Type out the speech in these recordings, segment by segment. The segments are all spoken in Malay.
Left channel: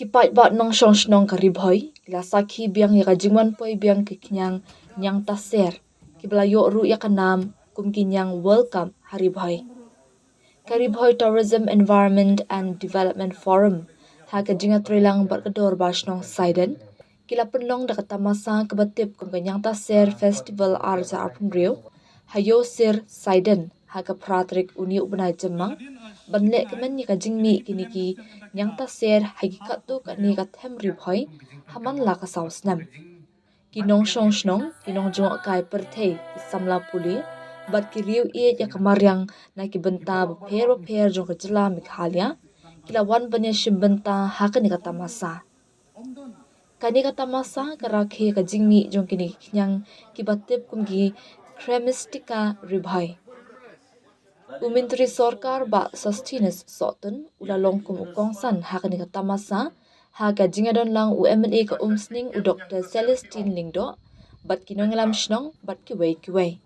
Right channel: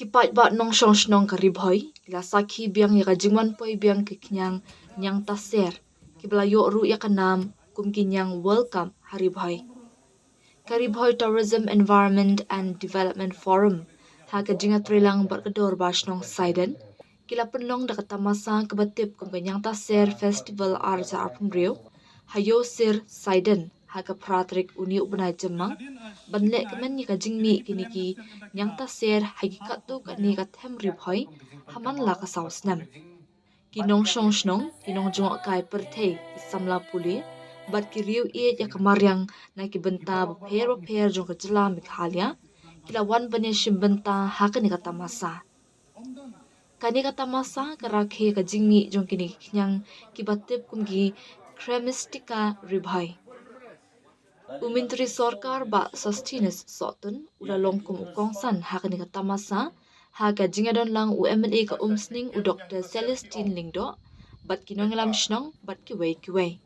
Kipat ba nong shong shnong karibhoy, la sakhi biang ya kajingwan poi biang kikyang nyang taser, kibla yo ru ya kanam kum kinyang welcome haribhoy. Karibhoy Tourism Environment and Development Forum, ha kajinga trilang barkador ba shnong Saiden, kila penlong da katamasa kebatip kum kanyang taser festival arza arpumriu, hayo sir Saiden, ha ka pratrik uni ubnai jemang, banle kemen ni kajingmi kiniki nyang taser hagi katu kani kathem ribhoy, haman la ka sausnam. Kinong shong shnong, kinong jungok kai perthei, isamla puli, bat ki riu iet ya kamaryang na ki benta bapher jong kajela mikhalia, kila wan banya shimbenta haka ni kata masa. Kani kata masa karakhe kajingmi jong kini kinyang ki batip kumgi kremistika ribhai. Umintri sorkar ba sustenance sotun ulalong kum ukongsan haka ni kata masa, haga jingadon lang UMNA ka umsning u Dr. Celestine Lingdo, bat kinong lam shnong, bat kiway.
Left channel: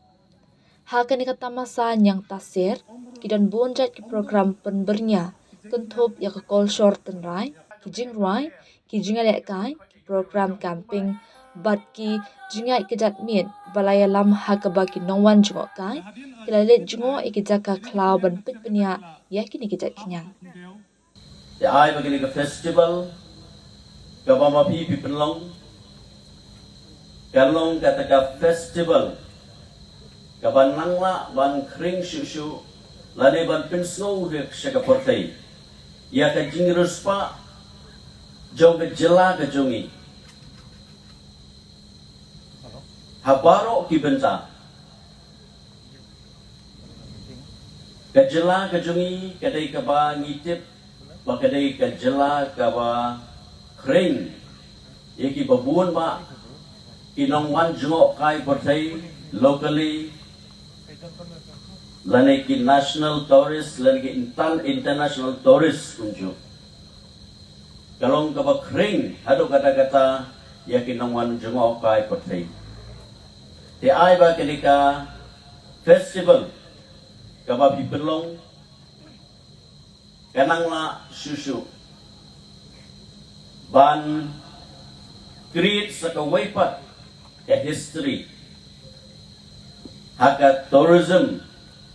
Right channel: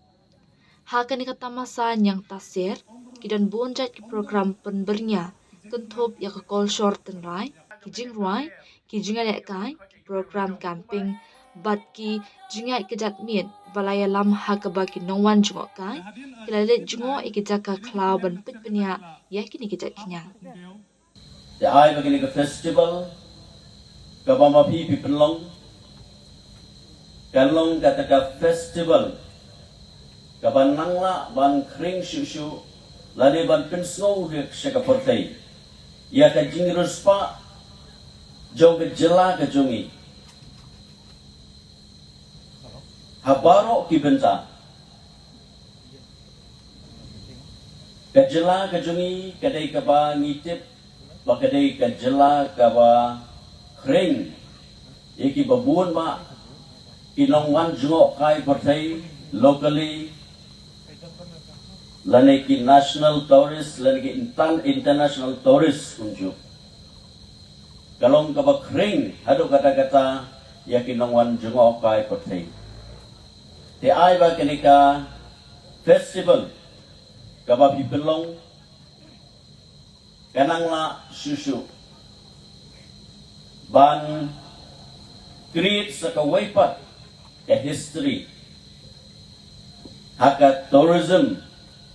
Haga ni katamasa nyang taser, kidan bonjat ki program penbernya, kentop ya ka kol short tenrai, kijing ruai, kijingalek kai, ki program camping, bat ki jingai kejat miet, balaya lam haga ba ki nongwan jungok kai, kilalit jungok ikijaka klau ban pitpenya, ya kini kejat kinyang. The I begini ke festival, kabama pipi penlong, kalong kata ka festival, kaban nangla ban kring shushu, lade ban pensno ke syaka portai, ya ka jingrus pa, jong ke jela ke jongi, habaro ki benta, ke jela ke jongi, kadai kaba ngitip, bakadai ke jela kaba kring, yaki babuan ma, inong man jungok kai portai, locally, laneki national tourist, laneki international tourist kunju. Kalong kaba kring, hado kata-kata, yaki nongwan jungok kai portai. Te ai ba kenika festival, kaba pipelong, kanangla susu ban create sa kawaipat ka history haka tourism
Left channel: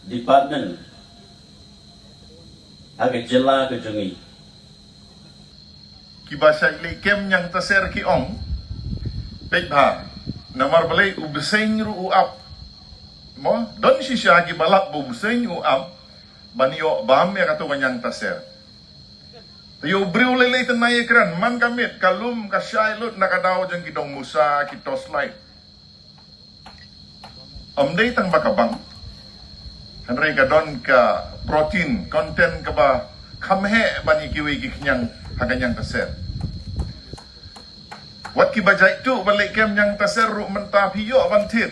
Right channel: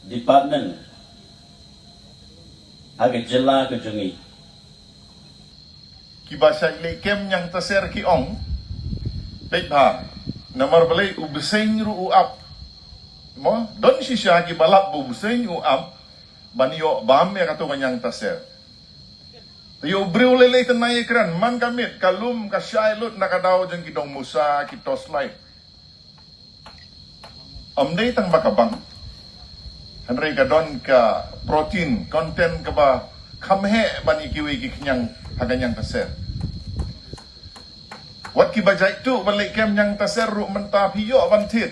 department haka jela ka jungi kibasa kem yang taser ki ong pekha namar balai ubseng ru up mo don shisha ki balap ubseng u up banyo bam ya kato kanyang taser. Yo briu lele tenay ekran man kamit kalum kasyailut nakadaw jeng kidong musa kitos light. Amday tang bakabang hanray kadon ka protein content ka ba kamhe bani kiwi kiknyang haganyang taser. Wat ki bajai tu balik kem nyang taser ru mentah hiyo abantit.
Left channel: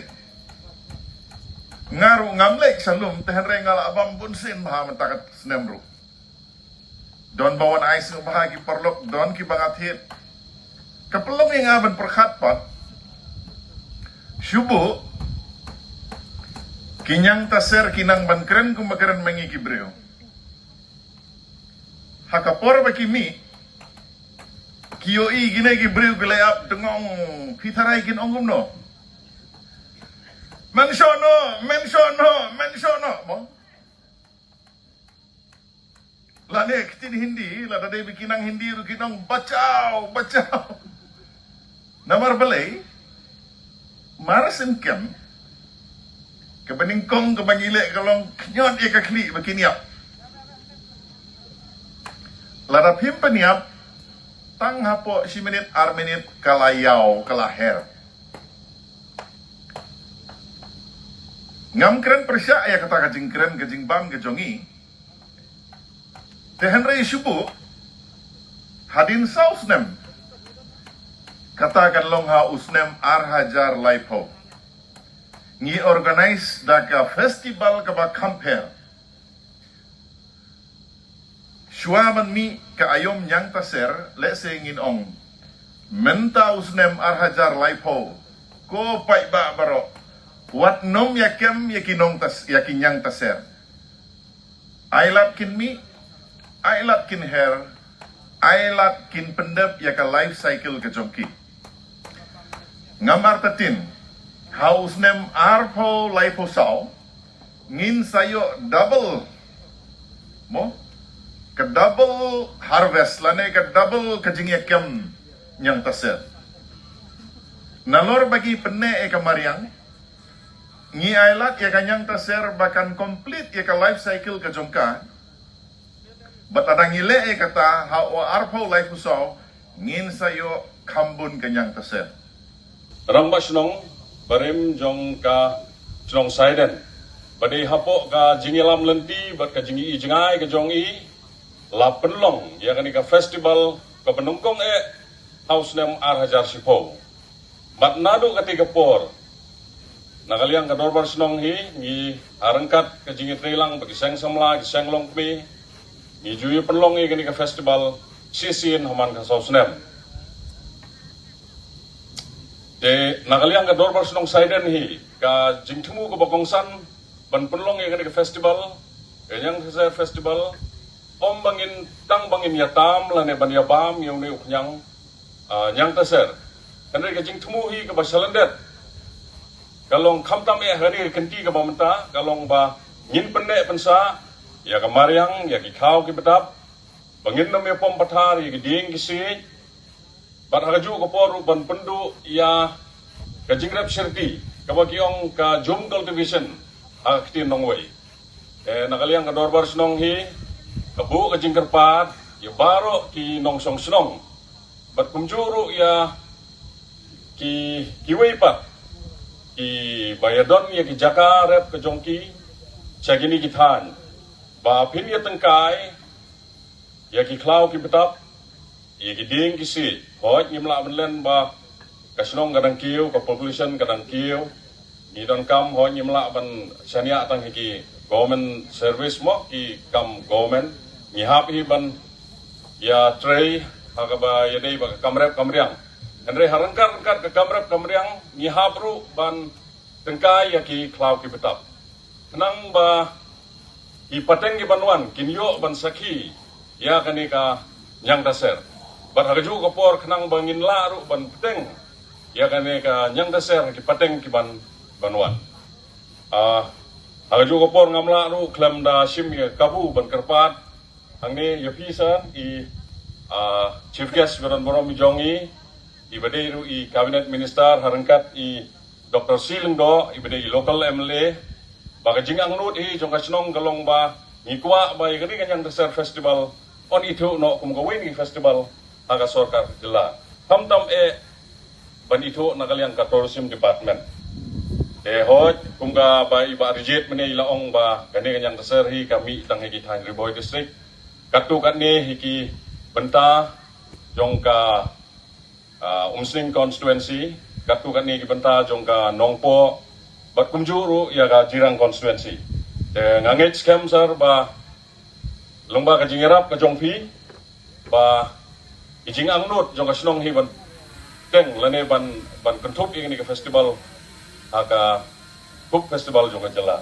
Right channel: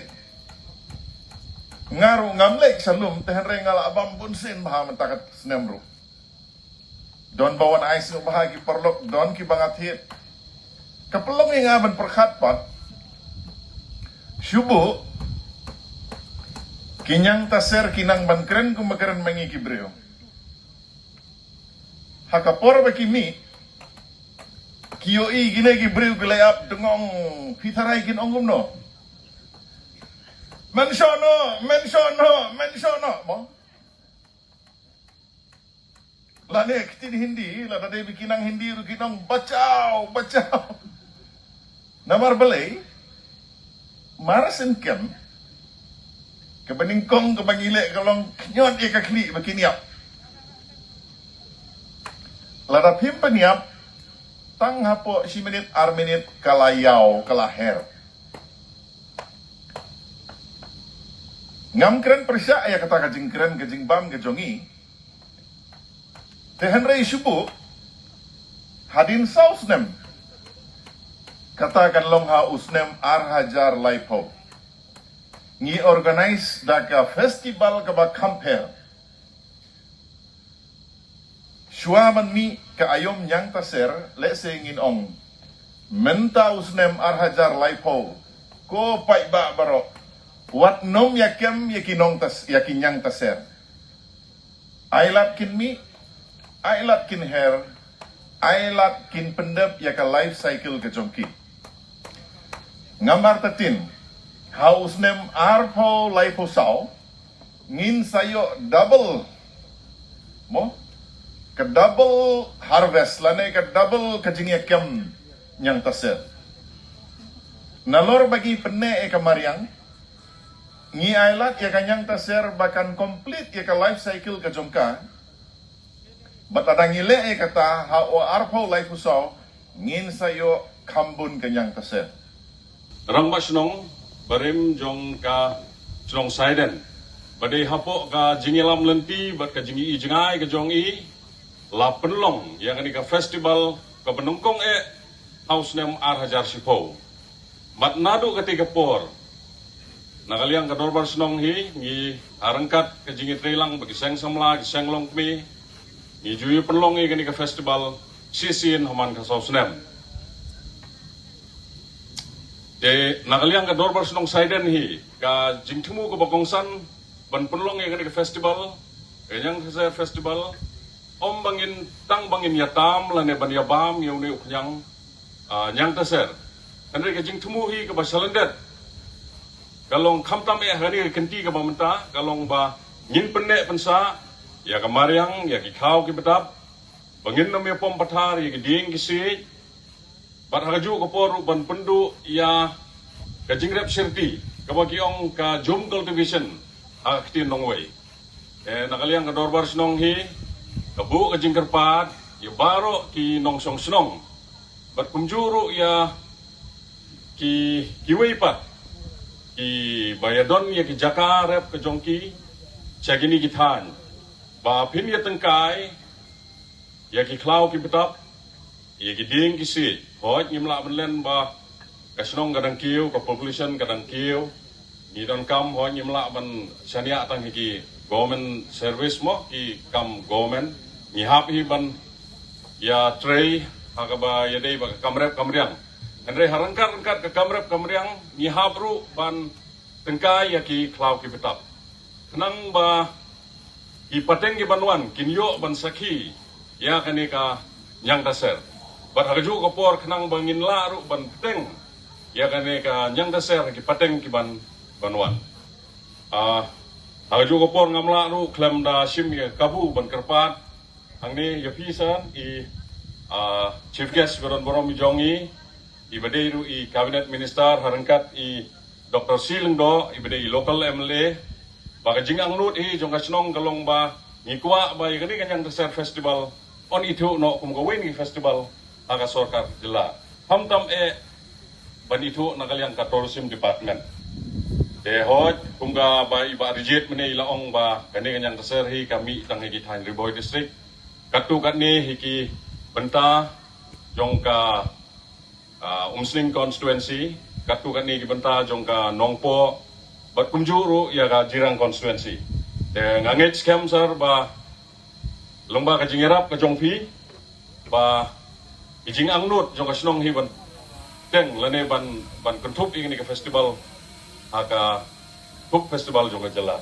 Ngaru ngamlek salum tehenre ngala abam bunsin baha mentakat senemru. Don bawan ais bahagi perlok don ki bangat hit. Kapelong yang aban perkhat pat. Syubu kinyang taser kinang bankren kumakaran mengi kibreo. Hakapor baki mi kiyoi gine kibreo gilayap dengong fitarai kin ongum no. Mensono mo. Lane kitin Hindi, lada de bikinang Hindi ru kinang bacau. Namar balay, marasin kem, kebeningkong kebangile kalong knyon ekakli bakiniap. Lada pimpaniap, tang hapo si menit armenit kalayau kalaher. Ngam keren persya ya kata kajing keren kajing bam kejongi. Tehenrei syubu hadin sa usnem. Katakan longha usnem arhajar laipo. Ngi organize daka festival kaba kamper. Syuaman mi ka ayom yang taser lese ngin ong. Menta usnem arhajar laipo. Ko pai ba barok. Wat nom yakem yakinong tas yakinyang taser. Ailat kin mi, ailat kin her, ailat kin pendep ya ka life cycle ke jongki. Ngamar tatin, haus nem arpo life sao, ngin sayo double, mo, ke double harvest lane ke double kajingya kem nyang tasir. Nalor bagi penne e kamariang, ngi ailat ya kanyang tasir bahkan complete ya ka life cycle ke jongka. Batadang ile e kata hao arpo life sao, ngin sayo kambun kanyang tasir. Rang ba sinong barim jong ka sinong saiden badai hapo ka jingilam lenti bat ka jingi jingai ka jong i la penlong ya kani ka festival ka penungkong house nem ar hajar sipo bat nadu katiga por nakaliang ka dorbar sinong hi ngi arangkat ka jingi trelang bagi seng samla ki seng long mi ngi juyi penlong i kani ka festival sisin haman ka house nem de nakaliang ka dorbar sinong saiden hi ka jingtumu ko bakongsan ban penlong yang ka festival yang sa festival om bangin tang bangin yatam lane ban yabam yung ni uknyang nyang taser kanre ka jingtumu hi ka basalandet kalong kamtam hani kenti ka bamenta kalong ba ngin penne pensa ya ka mariang ya ki khau ki betap bangin nam pom pathar ya ki ding ki si bat haju ko poru ban pendu ya ka jingrap sherti ka bagiong ka jum cultivation akti nongway nakaliang ka dorbar snong hi ka bu ka jingkarpat ya baro ki nongsong snong bat kumjuru ya ki kiwaypat ki bayadon ya ki jakarep ka jongki chagini kithan ba phin ya tengkai ya ki klau ki betap ya ki ding ki si hoj ngimla benlen ba kasnong kadang kiu ka population kadang kiu ni don kam hoj ngimla ban sania tang ki government service mo ki kam government ni hap hi ban ya tray agaba ya dei ba kamrep kamriang andre harangkar ka kamrep kamriang ni hapru ban tengkai ya ki klau ki betap kenang ba ki pateng ki banwan kinyo ban sakhi ya kani ka nyang taser barhaju ko por kenang bangin laru ban peteng ya kani ka nyang taser ki pateng ki banwan haju ko por ngamla ru klem da sim ya kabu ban kerpat angni ya pisan i chief guest beron borom jongi i badai ru i cabinet minister harangkat i Dr. Silingdo i badai local MLA baka jingang nut i jong kasnong kalong ba ngikwa ba i kani kanyang taser festival on itu no kum gawin ni festival aga sorkar jela hamtam ban itu nakaliang ka tourism department hoj kum ga ba iba rigit mene ilaong ba kani kanyang taser hi kami tang hi kithan Riboy district katu ni hiki benta jong ka Umsning constituency katu ni ki benta jong ka Nongpo bat kumjuru ya ka Jirang constituency ngangit scam sir ba lomba ka jingerap ka jongpi ba ijing angnut jong ka snong hi ban teng lane ban kentup ingini ka festival aka kup festival jong ka jela